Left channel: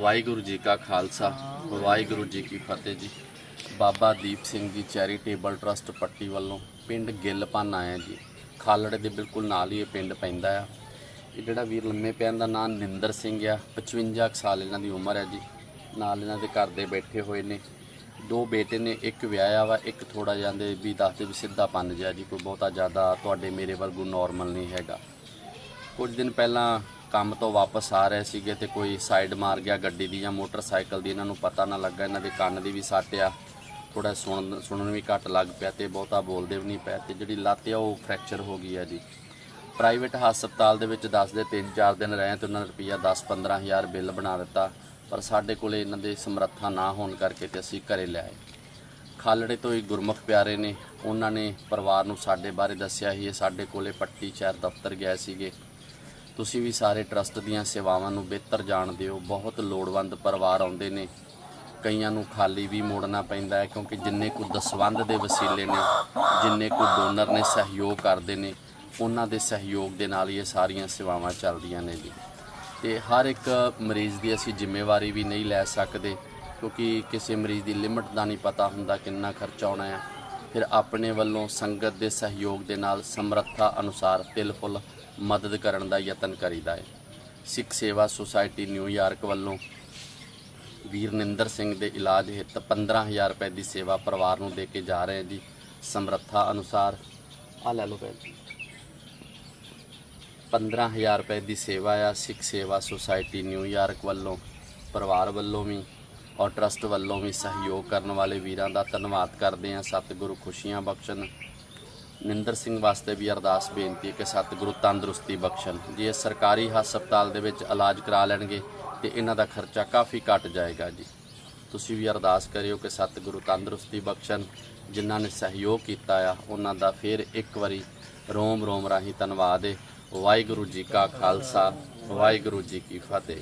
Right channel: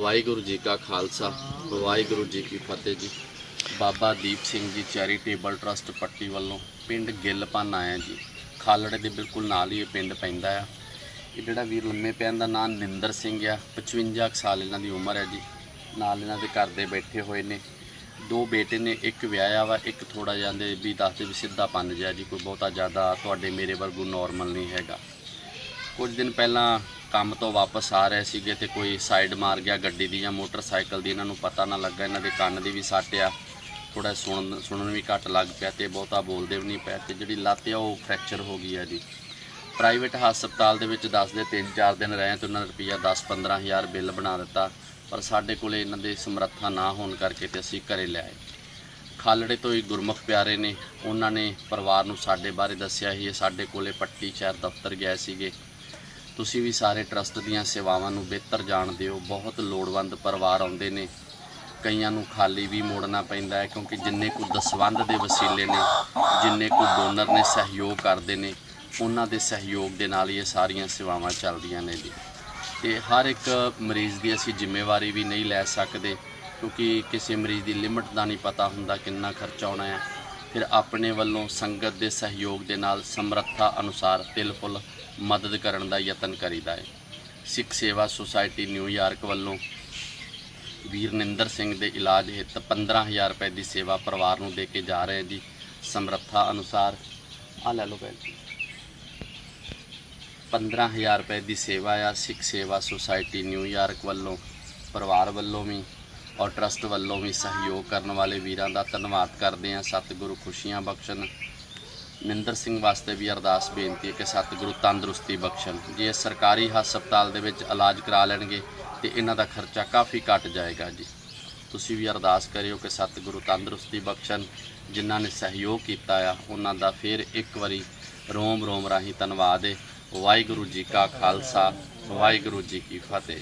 ਵਾਹਿਗੁਰੂ ਜੀ ਕਾ ਖਾਲਸਾ, ਵਾਹਿਗੁਰੂ ਜੀ ਕੀ ਫਤਿਹ ਜੀ। Baba Deep Singh ji charitable trust ਪੱਟੀ ਵੱਲੋਂ ਪਿੰਡ ਗਿੱਲਪਨ ਆਇਆ ਜੀ। ਖਾਲੜੇ ਦੇ ਬਿਲਕੁਲ ਨਾਲ ਹੀ ਇਹ ਪਿੰਡ ਪੈਂਦਾ ਆ। ਇਹ ਜਿਹੜਾ ਵੀਰ ਲੰਮੇ ਪਿਆਨ ਦਾ ਨਾਮ ਨਿੰਦਰ ਸਿੰਘ ਆ 55 ਕੁ ਸਾਲ ਇਹਨਾਂ ਦੀ ਉਮਰ ਹੈ ਜੀ। ਨਾਲ ਇਹਨਾਂ ਦੇ ਘਰ ਦੇ ਬੈਠੇ ਹੋਏ ਨੇ। ਦੋ ਬੇਟੇ ਨੇ, ਇੱਕ ਵਿਆਹਿਆ ਵਾ, ਇੱਕ ਥੋੜਾ ਜਾਂਦੇ ਵੀ ਦੱਸਦੇ ਵੀ ਸਿੱਧਾ ਪੰਨ ਜਿਹਾ ਜੀ, ਕੋਈ ਬਹੁਤਾ ਜ਼ਿਆਦਾ ਤੁਹਾਡੇ ਮੇਰੇ ਵਰਗੂ ਨਾਰਮਲ ਨਹੀਂ ਹੈਗਾ। ਕੁਝ ਦਿਨ ਪਹਿਲਾਂ ਕੰਮ ਤੋਂ ਵਾਪਸ ਆ ਰਹੇ ਸੀਗੇ ਤੇ ਕੋਈ ਸਾਈਡ ਮਾਰ ਗਿਆ ਗੱਡੀ ਦੀ ਜਾਂ ਮੋਟਰਸਾਈਕਲ ਦੀ, ਇਹਨਾਂ ਨੂੰ ਪਤਾ ਨਾ ਲੱਗਾ, ਇਹਨਾਂ ਦੇ ਕੰਨ ਦੀ ਵੀ ਸੱਟ ਆ। ਥੋੜਾ ਸੁਣਨ ਸੁਣਨ ਵੀ ਘੱਟ ਲੱਗ ਪਿਆ ਤੇ ਬਹੁਤਾ ਬੋਲਦੇ ਵੀ ਨਹੀਂ ਪਏ ਤੇ ਜਿਹੜੀ ਲੱਤ ਆ ਉਹ ਫ੍ਰੈਕਚਰ ਹੋ ਗਈ ਆ ਜੀ ਪ੍ਰਾਈਵੇਟ ਹਸਪਤਾਲ ਦੇ ਵਿੱਚ ਦੱਸਦੇ 3-4 ਦਿਨ ਰਹੇ ਤੇ ਉਹਨਾਂ ਨੇ ਰੁਪਈਆ 10-15 ਹਜ਼ਾਰ ਬਿੱਲ ਬਣਾ ਦਿੱਤਾ, ਪਰ ਸਾਡੇ ਕੋਲੇ ਇਹਨਾਂ ਦੇ ਸਮਰੱਥਾ ਨਾ ਹੋਣ ਕਰਕੇ ਤੇ ਅਸੀਂ ਘਰੇ ਲੈ ਆਏ। ਖਾਲੜੇ ਤੋਂ ਹੀ ਗੁਰਮੁਖ ਪਿਆਰੇ ਨੇ, ਉਹਨਾਂ ਨੇ ਪਰਿਵਾਰ ਨੂੰ ਸਾਡੇ ਬਾਰੇ ਦੱਸਿਆ ਹੀ ਸਾਡੇ ਕੋਲੇ ਪੱਟੀ ਸ਼ਹਿਰ ਦਫ਼ਤਰ ਗਏ ਸੀਗੇ। ਤੁਸੀਂ ਵੀ ਸਾਰੇ ਟਰਸਟ ਦੀਆਂ ਸੇਵਾਵਾਂ ਨੂੰ ਬਿਹਤਰ ਜਾਣਦੇ ਹੋ, ਬਹੁਤ ਲੋੜਵੰਦ ਪਰਿਵਾਰ ਆਉਂਦੇ ਨੇ। ਕਈਆਂ ਨੂੰ ਖਾਲੀ ਵੀ ਮੋੜਨਾ ਪੈਂਦਾ ਹੈ ਕਿਉਂਕਿ ਜਿੰਨੇ ਕੁ ਦਸਵੰਧ ਦੇ ਵਸੀਲੇ ਨੇ, ਜਿੰਨੇ ਕੁ ਡੋਨਰ ਨੇ ਸਹਿਯੋਗ ਕਰਦੇ ਨੇ, ਉਹਨਾਂ ਦੇ ਸਹਿਯੋਗ ਦੇ ਨਾਲ ਇਹ ਸਾਰੀਆਂ ਸੇਵਾਵਾਂ ਚੱਲਦੀਆਂ ਨੇ ਜੀ। ਤੇ ਹਰ ਇੱਕ ਮਰੀਜ਼ ਦੀ ਅਸੀਂ ਜ਼ਿੰਮੇਵਾਰੀ ਵੀ ਨਹੀਂ ਲੈ ਸਕਦੇ ਕਿਉਂਕਿ ਕਿਸੇ ਮਰੀਜ਼ ਦੀ ਲਿਮਟ ਦਾ ਨਹੀਂ ਪਤਾ ਹੁੰਦਾ ਕਿੰਨਾ ਖਰਚਾ ਆਉਣਾ ਹੈ। ਫਿਰ ਆਪਣੇ ਵੱਲੋਂ ਸੰਗਤ ਦੇ ਸਹਿਯੋਗ ਦੇ ਨਾਲ ਸਮਰੱਥਾ ਅਨੁਸਾਰ ਤਿਲ ਫੁੱਲ ਮਦਦ ਕਰਨ ਦਾ ਯਤਨ ਕਰੀਦਾ ਹੈ। ਸਿੱਖ ਸੇਵਾ ਸੁਸਾਇਟੀ ਨਿਊਯਾਰਕ ਵੱਲੋਂ ਵੀਰਨਿੰਦਰ ਸਿੰਘ ਦੇ ਇਲਾਜ ਹਿੱਤ 15000 ਰੁਪਏ ਦੀ ਸੇਵਾ ਪਰਿਵਾਰ ਨੂੰ ਦੇ ਕੇ ਜਾ ਰਹੇ ਜੀ। ਸਮਰੱਥਾ ਅਨੁਸਾਰ ਆ ਲੈ ਲਓ ਭੈਣ ਜੀ। 15000 ਰੁਪਏ ਦੀ ਸੇਵਾ ਆ ਸਿੱਖ ਸੇਵਾ ਸੁਸਾਇਟੀ ਨਿਊਯਾਰਕ ਵੱਲੋਂ। ਪਰਿਵਾਰ ਵੱਲੋਂ ਵੀ ਔਰ ਟਰਸਟ ਵੱਲੋਂ ਵੀ ਸਹਿਯੋਗ ਕਰਨ ਵਾਲੇ ਵੀਰਾਂ ਦਾ ਧੰਨਵਾਦ ਕਰਦੇ ਹਾਂ। ਸਤਿਗੁਰੂ ਖੁਸ਼ੀਆਂ ਬਖਸ਼ਣ। ਮਿੰਦਰ ਸਿੰਘ ਵਾਸਤੇ ਵੀ ਅਰਦਾਸ ਬੇਨਤੀ ਹੈ ਕਿ ਸਤਿਗੁਰੂ ਤੰਦਰੁਸਤੀ ਬਖਸ਼ਣ। ਜੇ ਇਹ ਸਰਕਾਰੀ ਹਸਪਤਾਲ ਦੇ ਵਿੱਚ ਇਲਾਜ ਕਰਾ ਲੈਣਗੇ, ਤੇ ਇਹਨਾਂ ਦਾ ਖਰਚਾ ਕਾਫੀ ਘਟ ਜਾਏਗਾ ਜੀ। ਤੁਸੀਂ ਵੀ ਅਰਦਾਸ ਕਰਿਓ ਕਿ ਸਤਿਗੁਰੂ ਤੰਦਰੁਸਤੀ ਬਖਸ਼ਣ। ਜਿਨ੍ਹਾਂ ਨੇ ਸਹਿਯੋਗ ਕੀਤਾ ਆ, ਉਹਨਾਂ ਦਾ ਫਿਰ ਇੱਕ ਵਾਰੀ ਰੋਮ ਰੋਮ ਰਾਹੀਂ ਧੰਨਵਾਦ ਹੈ ਵਾਹਿਗੁਰੂ ਜੀ ਕਾ ਖਾਲਸਾ, ਵਾਹਿਗੁਰੂ ਜੀ ਕੀ ਫਤਿਹ।